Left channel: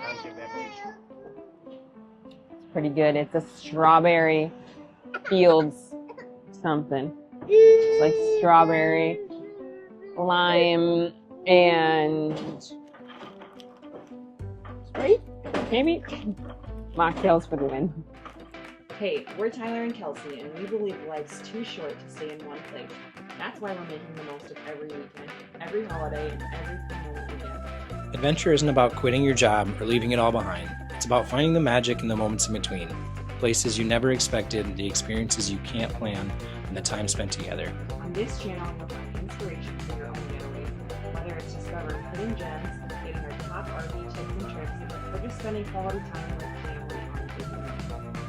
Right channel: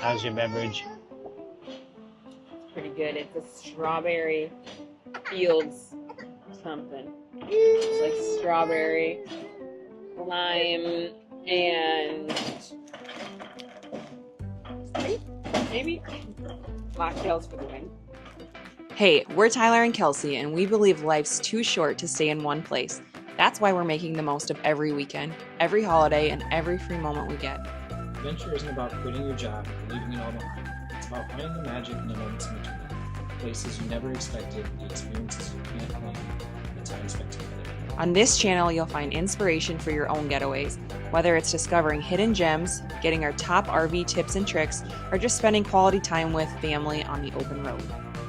How's your beverage? Pretty good. It's a strawberry Fields something. It's like strawberry, lime, and Sprite, maybe? Mocktails for the win. Hey, we're Tyler and Kelsey, and we believe life's too short to stay in one place. That's why we're making the most of every weekend, every holiday, and every free moment we get. Adventure isn't about quitting your job or leaving it all behind. It's about finding the magic in the moments in between. Places you never expected, the experiences you can't plan, and the time spent together. On this channel, you'll find inspiration for your own getaways, whether it's discovering hidden gems, getting our top RV tips and tricks, or just spending quality time with family on the open road.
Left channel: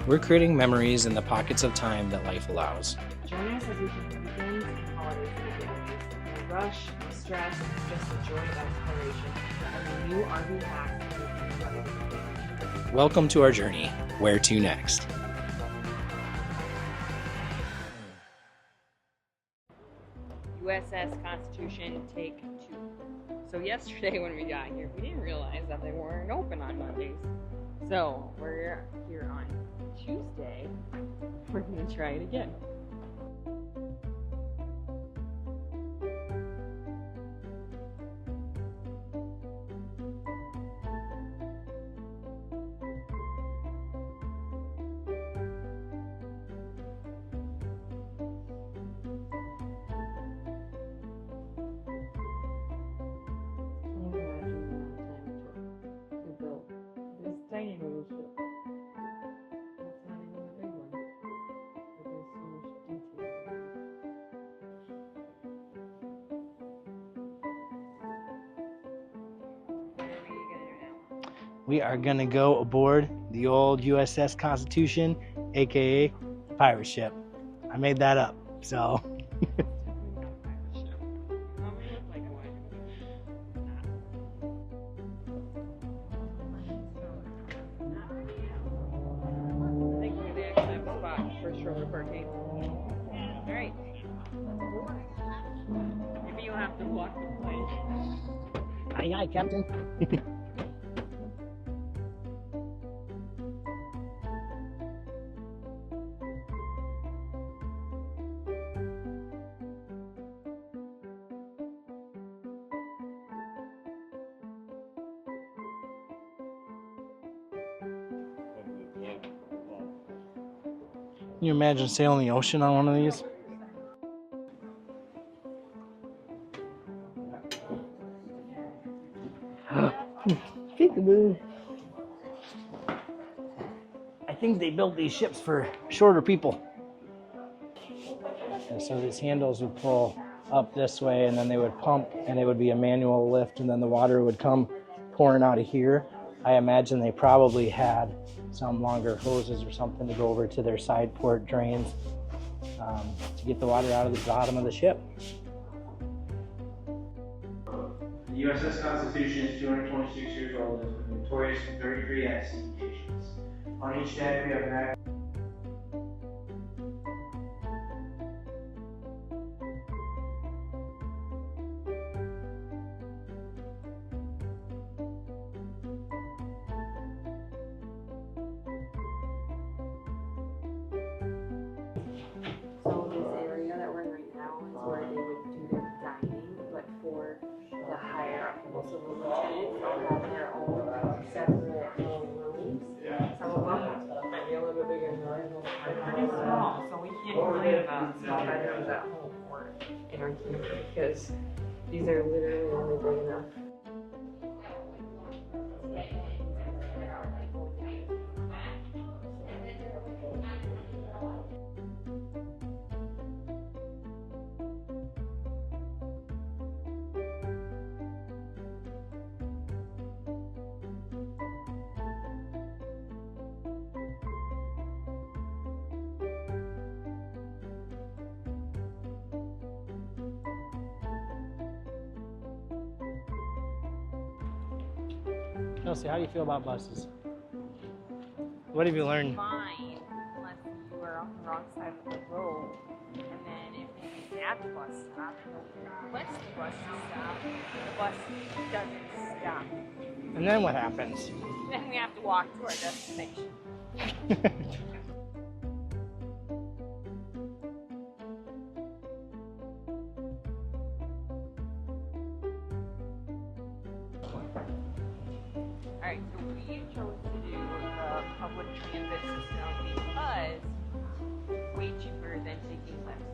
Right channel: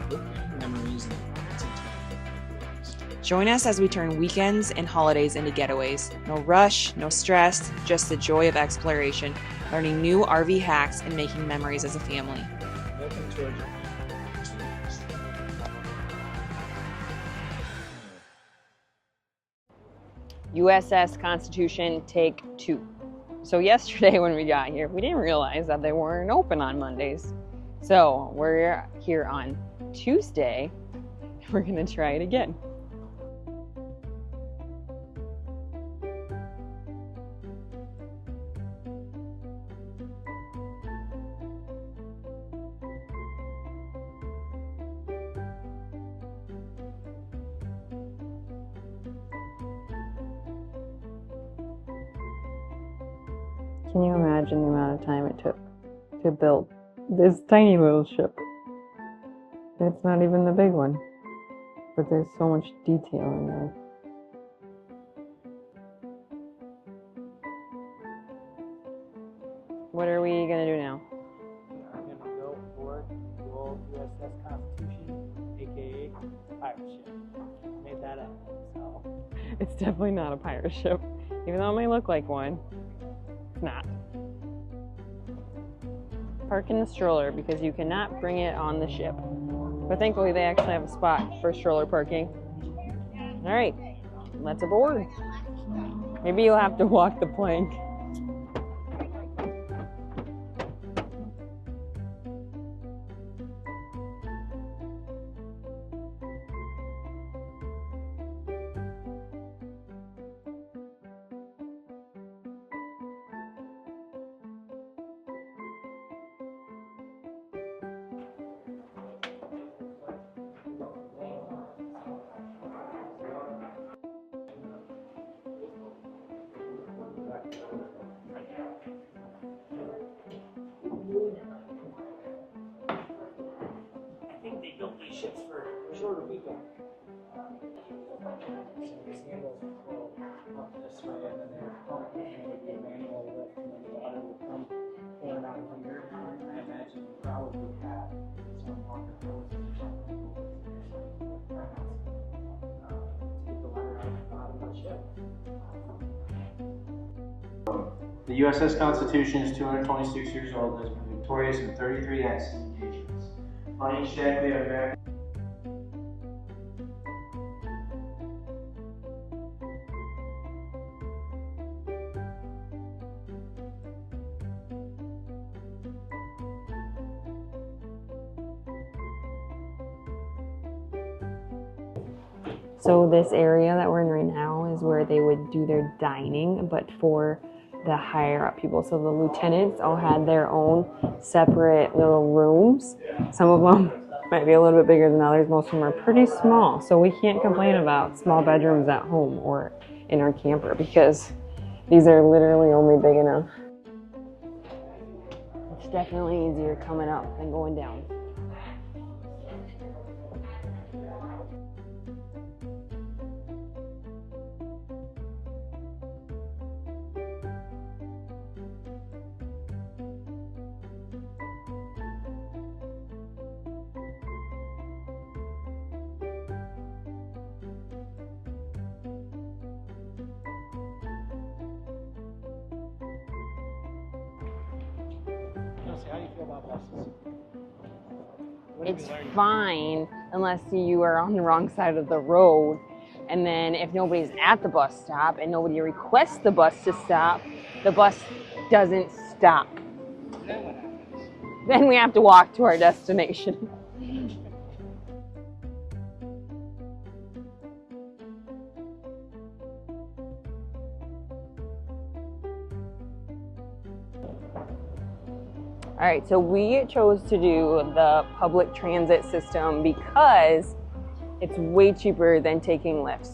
We're creating memories in the pockets of time that life allows. Join us as we turn weekends and holidays into getaways. No rush, no stress, just the joy of exploration, learning new RV hacks and making memories as a family. Welcome to our journey. Where to next? USS Constitution, take 2. So yesterday when we got here, we didn't realize that they weren't open on Mondays. So we're here on Tuesday. We're gonna try it again. Can you imagine the amount of time it took to build this tiny little ship? It's not even the big one, but there's so much detail in there. What are we gonna do now? We are gonna go aboard the old USS Constitution, aka pirate ship. I made that up, so. It's definitely not a pirate ship, even though it may look like one. It's not. Park in the stroller because you cannot bring it on the ship. But thankfully they actually have a spot for stroller parking. All right, let's aboard. Maybe you'll have to walk the plank. Aye, aye, Captain. Can you imagine sailing the ocean on one of these? I think they built these ships for shorter people. And so these handles would pull up this way, and then they would pump, and it would be a manual lift, and then the water would come pouring out of here. I imagine they probably had some longer hoses or something to go over to their side port drains to get the water out of the bottom of the ship. The USS Constitution is 226 years old and has been victorious in 33 accident occasions. On each day, we have very So this area that we're in right now is where they would do their dining, but for the higher up people. So the lieutenants all had their own separate little rooms. Some of them might be a little bit bigger than others. Most of them are pretty small. So we can't complain about small bedrooms at home or in our camper because these are literally only big enough. It's definitely easier coming up than going down. Kelsey, how do you feel about buses? What have you learned? Fine, unless you are on the wrong side of the road. And then if nobody's at the bus stop and nobody requests the bus to stop, the bus doesn't stop. And then what happens? Then we have to walk to our destination. All right, so we chose to do the public transit system because it's way cheaper than taking lifts.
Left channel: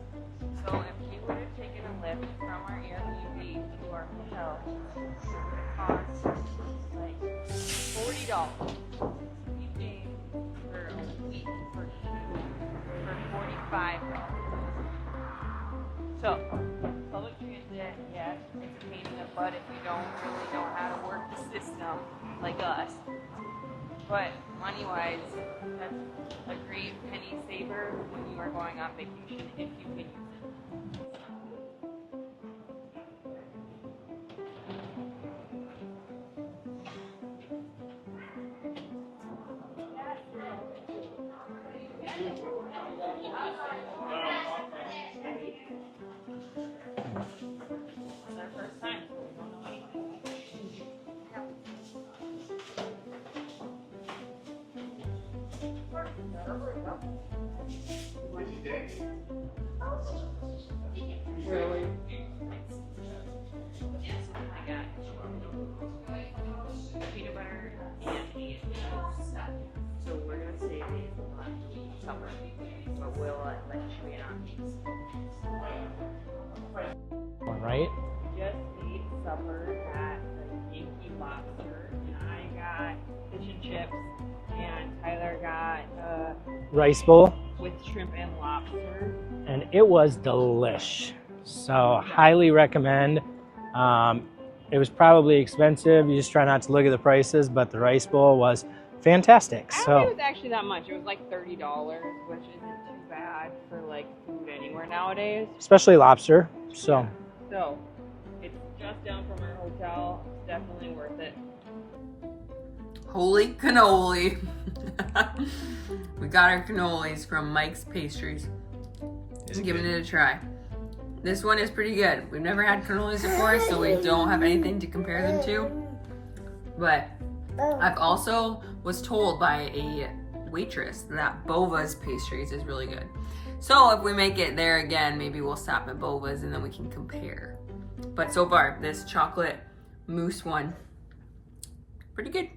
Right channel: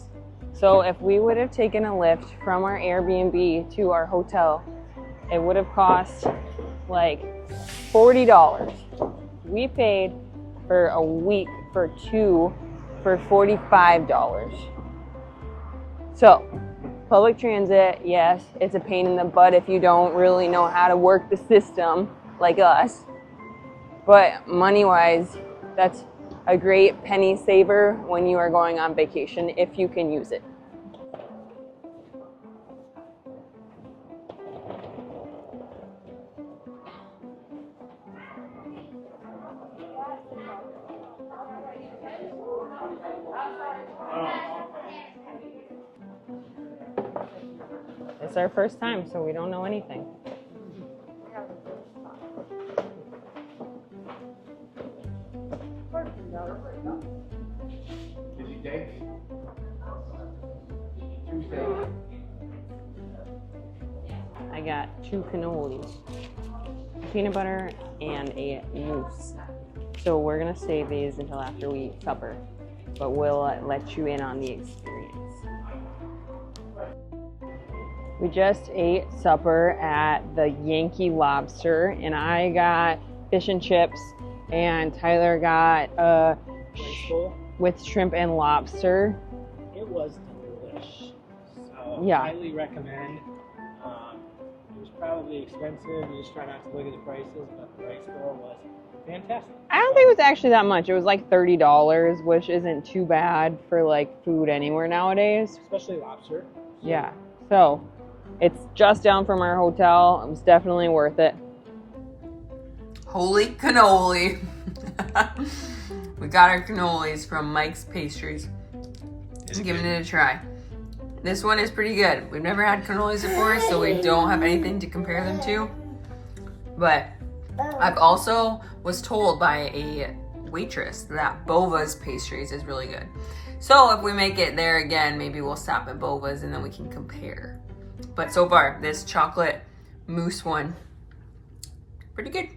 So if we would have taken a lift from our Airbnb to our hotel, it would have cost like $40. We paid for a week for two for $45. So public transit, yes, it's a pain in the butt if you don't really know how to work the system like us. But money-wise, that's a great penny saver when you are going on vacation if you can use it. It's our first time, so we don't know anything. I got 2 cannolis, peanut butter, and a mousse. So we're gonna save these until after we eat supper, but we'll let you in on the experience. All right. We just ate supper at the Yankee Lobster, and I got fish and chips, and Tyler got Rice bowl, with shrimp and lobster. and it was delish. So Yeah. highly recommend. It was probably expensive. You just try not to look at the prices, but the rice bowl was fantastic. I don't think it was actually that much. It was like $30, which isn't too bad for like food anywhere nowadays. Especially lobster. So Yeah. So it's just down from our hotel. It was definitely worth it. Holy cannoli. We got our cannolis from Mike's Pastries. Is it Giving good? it a try. This one is pretty good. We've never had cannolis before, so we don't have anything to compare them to. But I've also was told by a waitress that Bova's Pastries is really good. So if we make it there again, maybe we'll stop at Bova's and then we can compare. But so far, this chocolate mousse one, pretty good.